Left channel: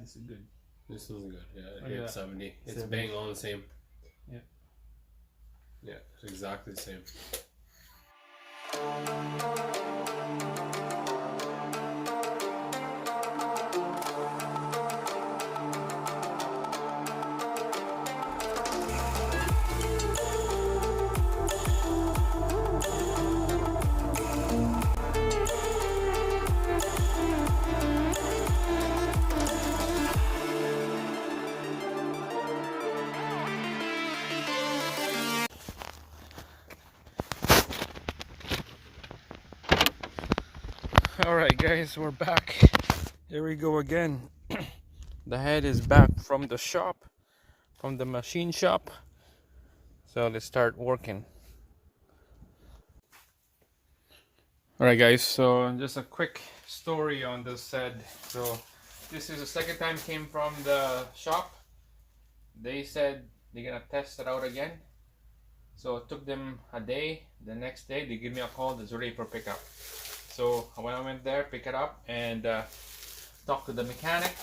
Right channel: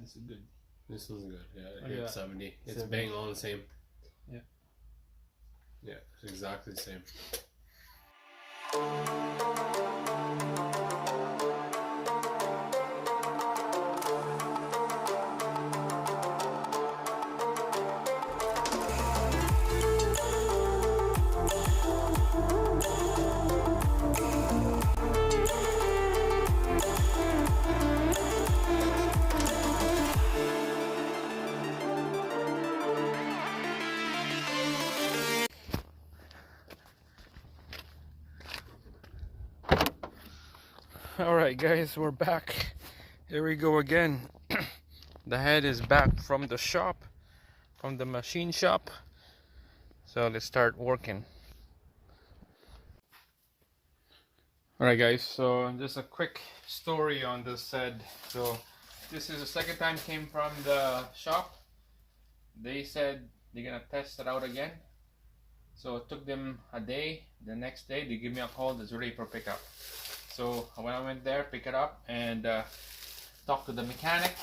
this is good. This is good. Yeah, Yeah. 70. It's 70. bang on the same. Yeah. Yeah, it's exactly the same. Alright guys, we're back. Here we go again. The head is back from the shop, from the machine shop. So let's start working. Alright guys, so just a quick story on this head. So this is the second time came from the shop. They said they're gonna test it out again. So it took them a day. The next day they give me a call that's ready for pickup. So when I went there, pick it up and talk to the mechanic.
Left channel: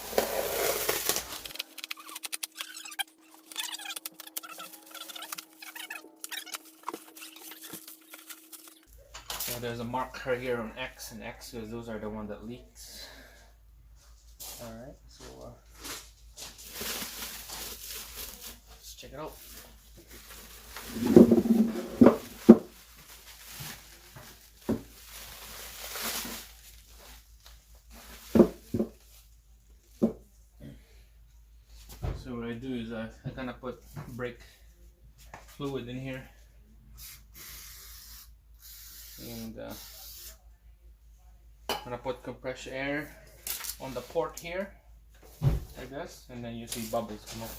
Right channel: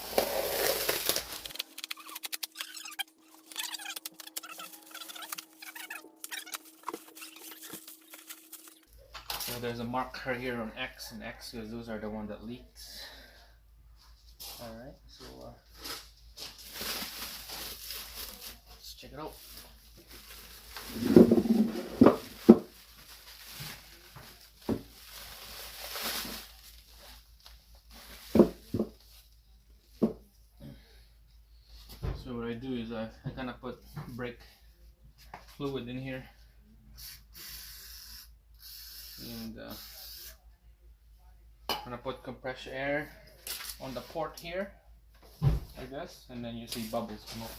So there's a marker here on X and X because those are the one that leaks. Alright, so let's check it out. So what I do is I kind of put brake fluid in here, and I'm gonna put compressed air on the port here, like this, and then you see bubbles come out.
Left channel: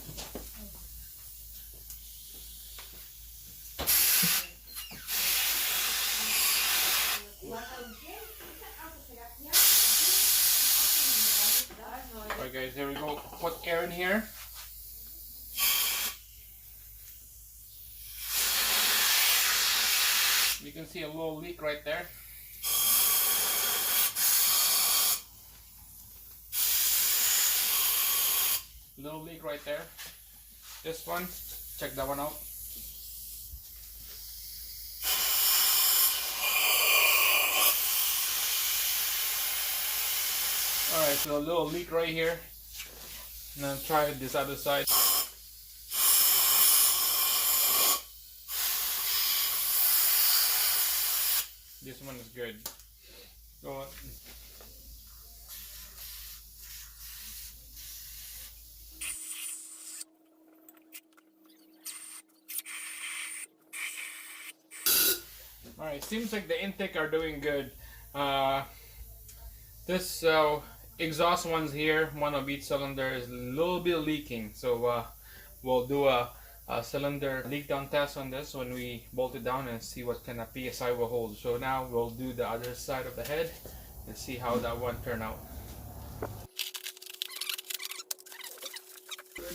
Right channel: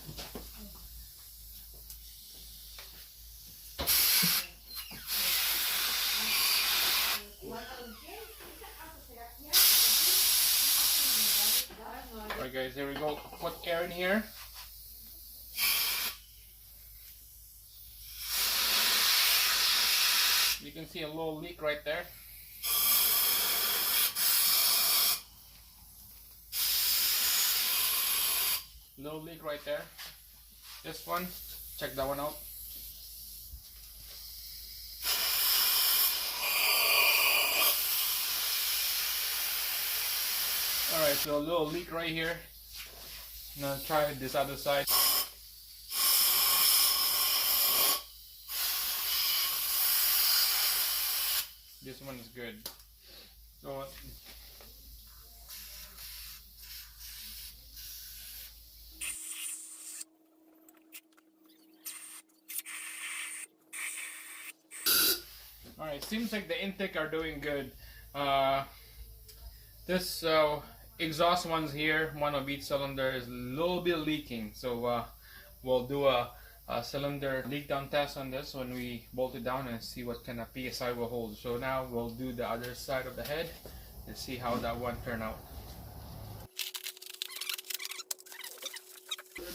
Alright guys, here we go. Put air in here. You can see a little leak right there. Little leak right there. This one, check that one out. Alright, so a little leak right here. Now try this other side. This one is good. So alright, seems like the intake are doing good. This exhaust ones here, one of each cylinder, is a little bit leaking. So we'll do a cylinder leak down test on this when we bolt it down and see what kind of PSI will hold. So now we'll do the other side of the head and see how that one turned out.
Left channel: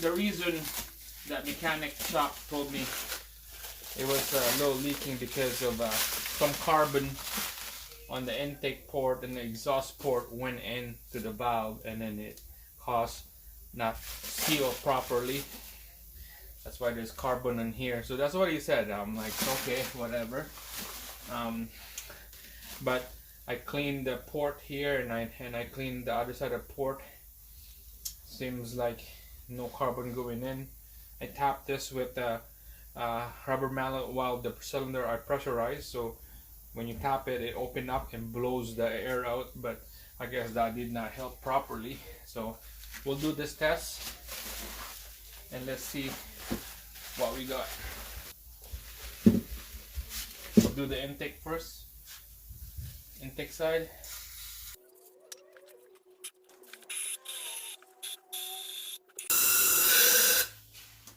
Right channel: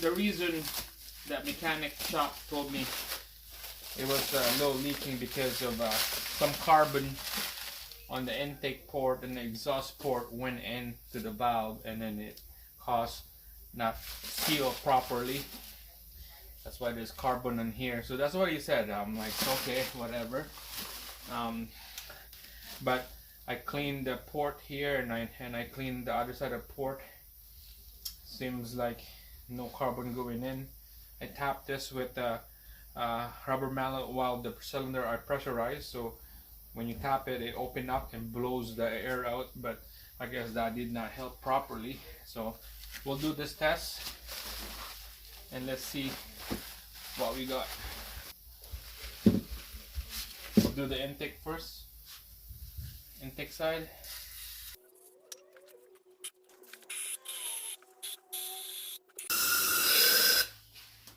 The reason that mechanic shop told me it was a little leaking because of some carbon on the intake port and the exhaust port went into the valve, and then it caused not seal properly. That's why there's carbon in here. So that's what he said. I'm like, okay, whatever. But I cleaned the port here, and I cleaned the other side of the port. Seems like no carbon going in. I tapped this with a rubber mallet while the cylinder are pressurized. So when you tap it, it opens up and blows the air out. But I guess that did not help properly. So we'll do this test and let's see what we got. We'll do the intake first. Intake side.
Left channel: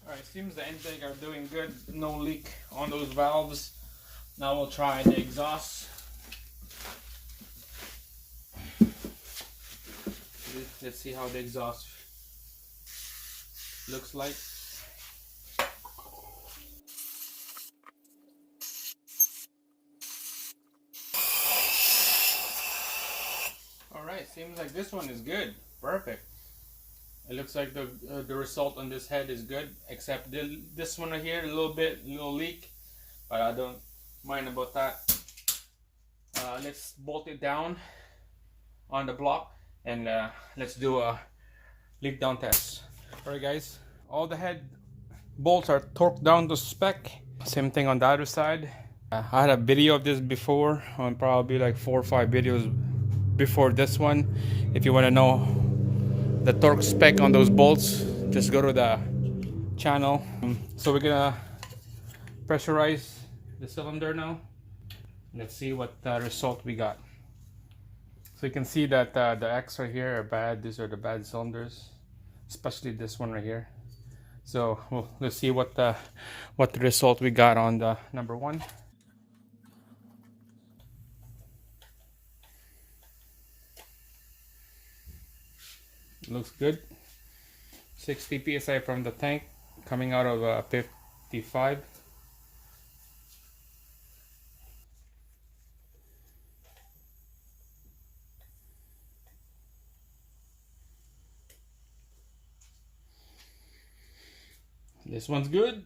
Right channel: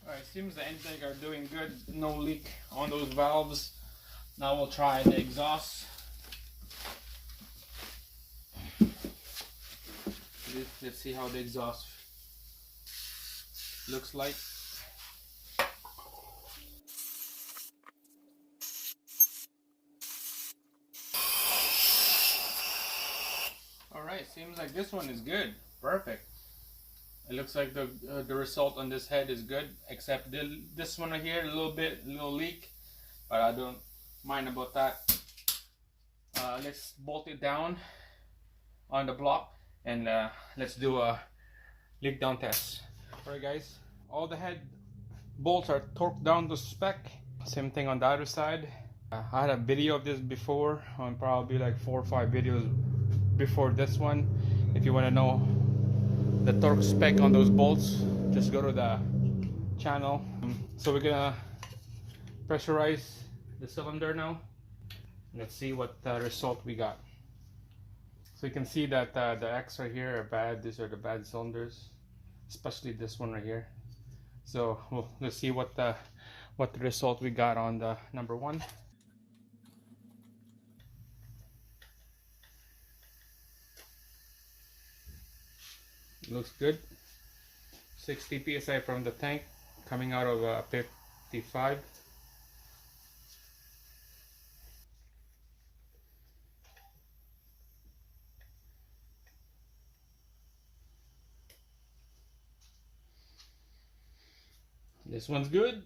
Alright, seems the intake are doing good. No leak on those valves. Now we'll try the exhaust. Let's see how the exhaust looks like. Alright, seems like this one is good. Perfect. It looks like the result on this head is good, except this one right here, a little leak, but I don't mind about that. Let's bolt it down on the block, and let's do a leak down test. Alright guys, all the head bolts are torqued down to spec. Same thing on the other side. I had a video of this before, on probably like 4 or 5 videos before this one. If you want to know the torque spec on those bolts, just go to the channel. So we're gonna pressurize the cylinder now. Let's see what result we got. So you can see that the X right here are bad. These are the bad cylinders, especially this one right here. So let's see what the result we got on the number one. Looks good. 60 psi from the tank, coming out of 55. This one's good.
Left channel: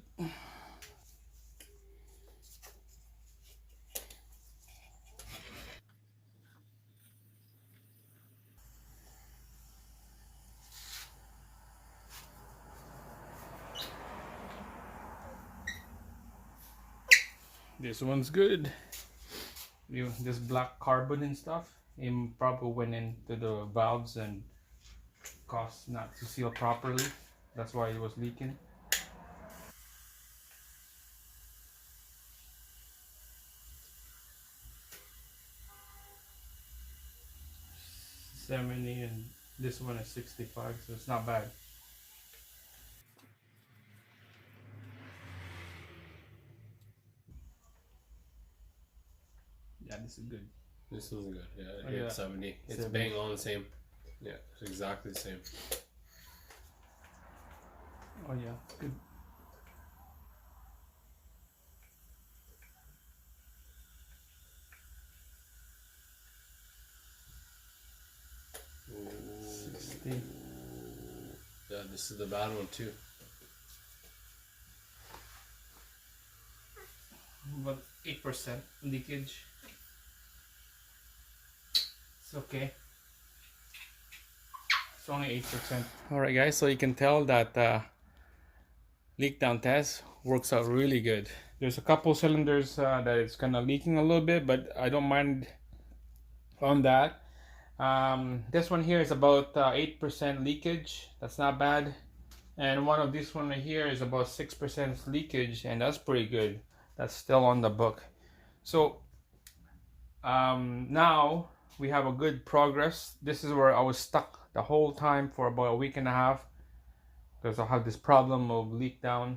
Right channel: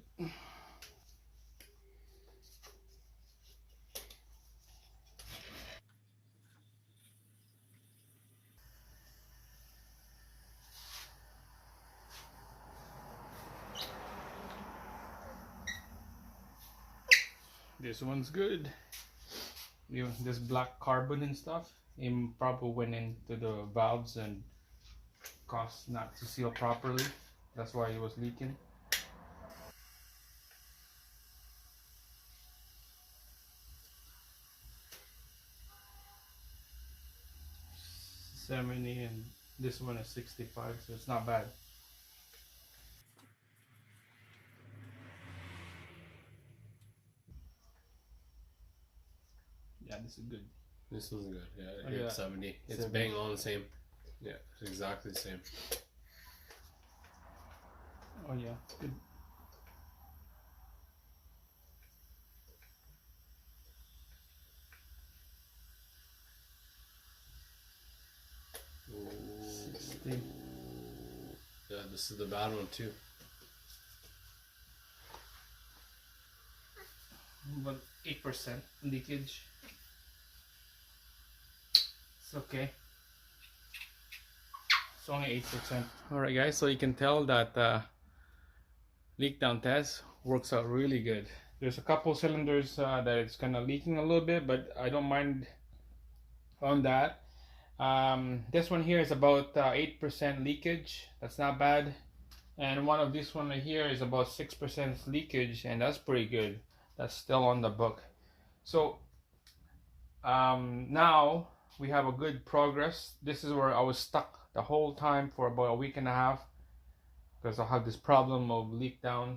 This one's good. This black carbon and stuff, it probably went into the valves and caused not to seal properly. That's why it was leaking. $70 and this one is 65, so it's not bad. Yeah, this is good. This isn't good. Yeah, Oh, yeah. 70. It's 70. bang on the same. Yeah, it's exactly the same. Oh yeah, it's good. Ooh. 60. Yeah, this is the bad one too. About 8% leakage. It's okay. It's only 8%. Alright guys, so you can tell that leak down test works out really good. There's a couple cylinders that it's kind of leaking a little bit, but I don't mind on that. This one here is about 8% leakage. That's not bad. And one of this one right here is about 6% leakage, and that's pretty good. That's still on the book. So now we have a good progress. This is where I was stuck the whole time for about a week and a half, because I have this problem of leak down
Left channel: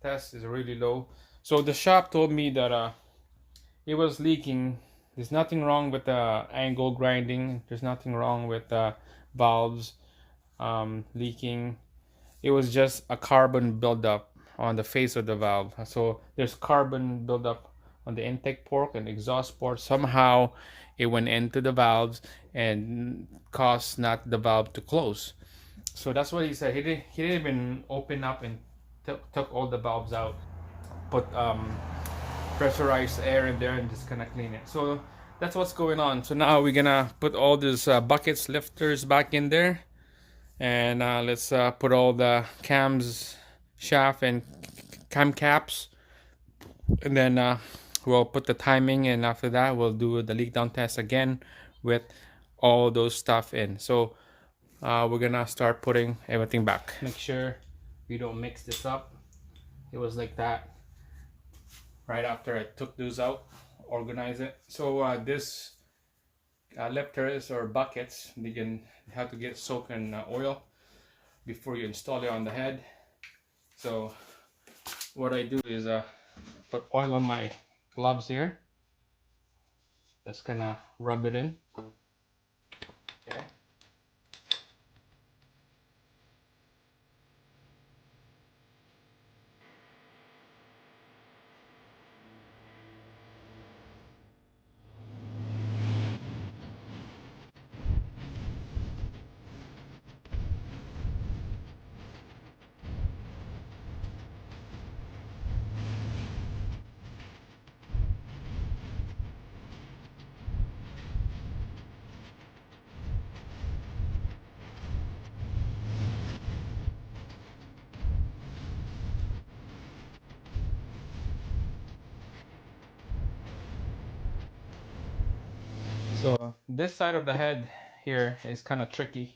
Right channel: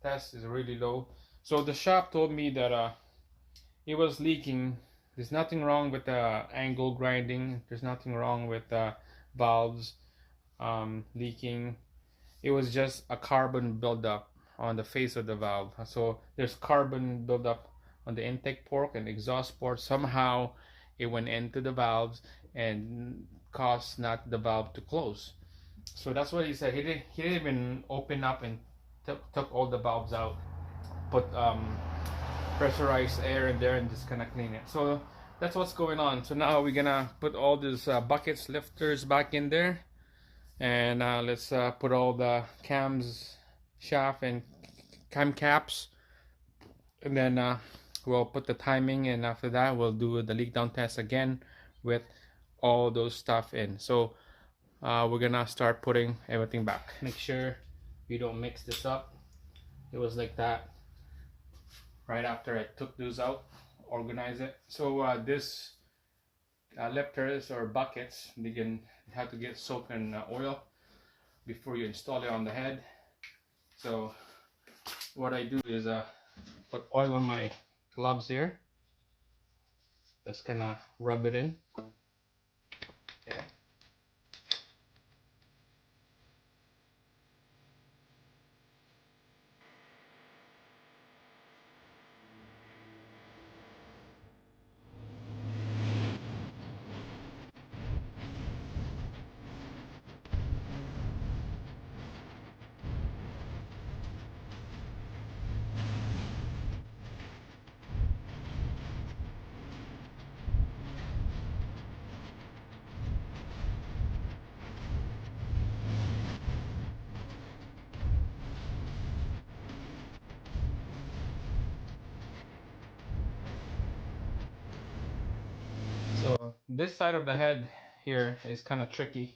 test is really low. So the shop told me that it was leaking. There's nothing wrong with the angle grinding. There's nothing wrong with the valves leaking. It was just a carbon buildup on the face of the valve. So there's carbon buildup on the intake port and exhaust port. Somehow it went into the valves and caused not the valve to close. So that's what he said. He didn't even open up and took all the valves out. Put pressurized air in there and just kind of clean it. So that's what's going on. So now we're gonna put all these buckets, lifters back in there, and let's put all the cams, shaft, and cam caps, and then we'll put the timing, and after that we'll do the leak down test again with all those stuff in. So we're gonna start putting everything back. Make sure we don't mix this up. It was like that right after I took those out, organize it. So this lifters or buckets, they can have to get soaked in oil before you install it on the head. So what I do is put oil on my gloves here. Just kind of rub it in. Okay. So this side of the head here is kind of tricky,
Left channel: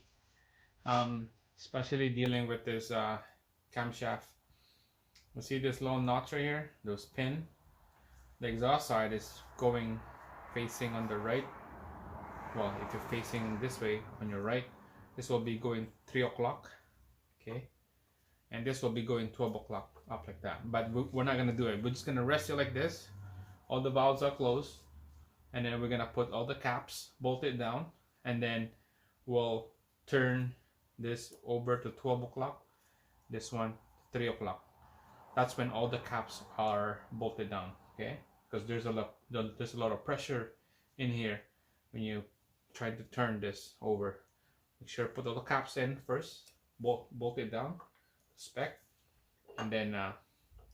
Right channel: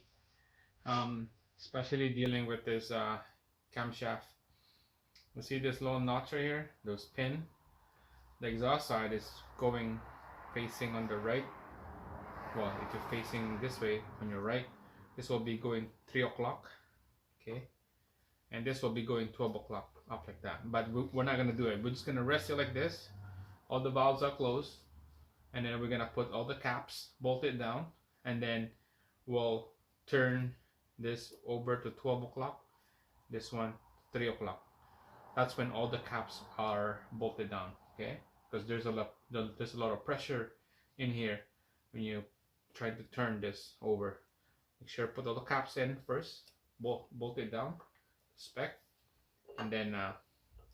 especially dealing with this camshaft. You see this little notch right here, those pin. The exhaust side is going facing on the right. Well, if you're facing this way on your right, this will be going 3 o'clock, okay? And this will be going 12 o'clock, up like that. But we're not gonna do it. We're just gonna rest it like this. All the valves are closed. And then we're gonna put all the caps, bolt it down, and then we'll turn this over to 12 o'clock, this one 3 o'clock. That's when all the caps are bolted down, okay? Because there's a lot of pressure in here when you try to turn this over. Make sure to put all the caps in first, bolt it down, spec, and then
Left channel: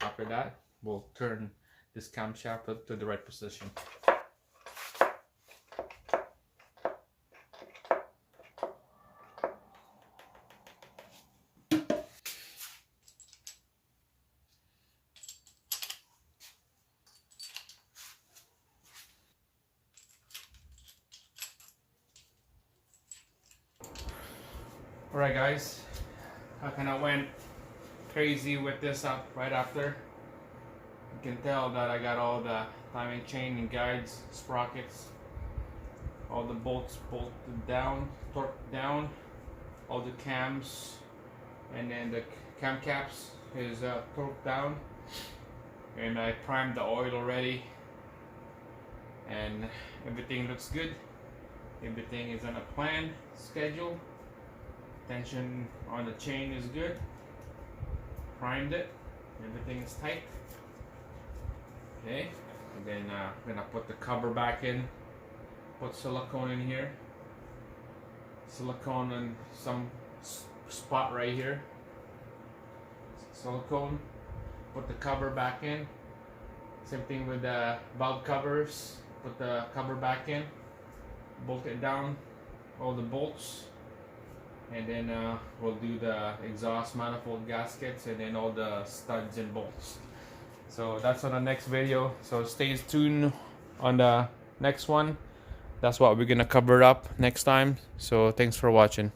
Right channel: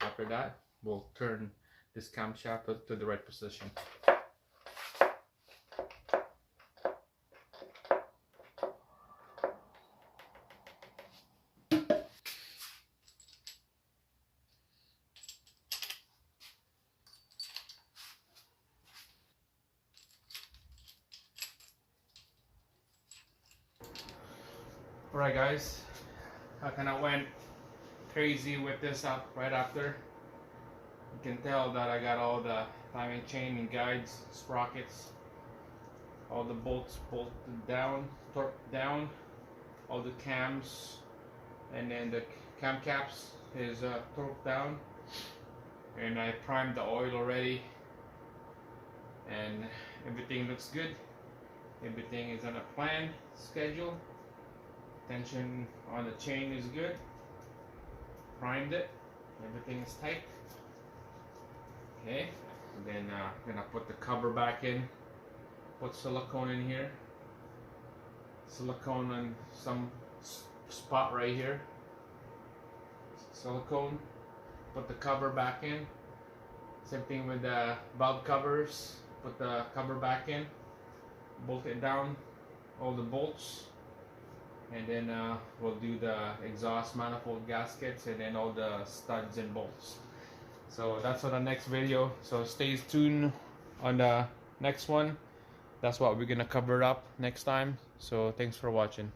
after that we'll turn this camshaft to the right position. Alright guys, I kind of went crazy with this up right after. You can tell that I got all the timing chain and guides, sprockets, all the bolts bolted down, torqued down, all the cams, and then the cam caps is torqued down, and I primed the oil already, and everything looks good. Everything is on a plan, schedule. Tension on the chain is good. Primed it. Everything is tight. Okay. And then I'm gonna put the cover back in. Put silicone in here. Silicone on some spot right here. Silicone. Put the cover back in. Same thing with the valve covers. Put the cover back in. Bolt it down. All the bolts. And then we'll do the exhaust manifold gaskets and then all the studs and bolts. So that's on the next video, so stay tuned on the next one. That's what we're gonna cover up next time. So thanks for watching.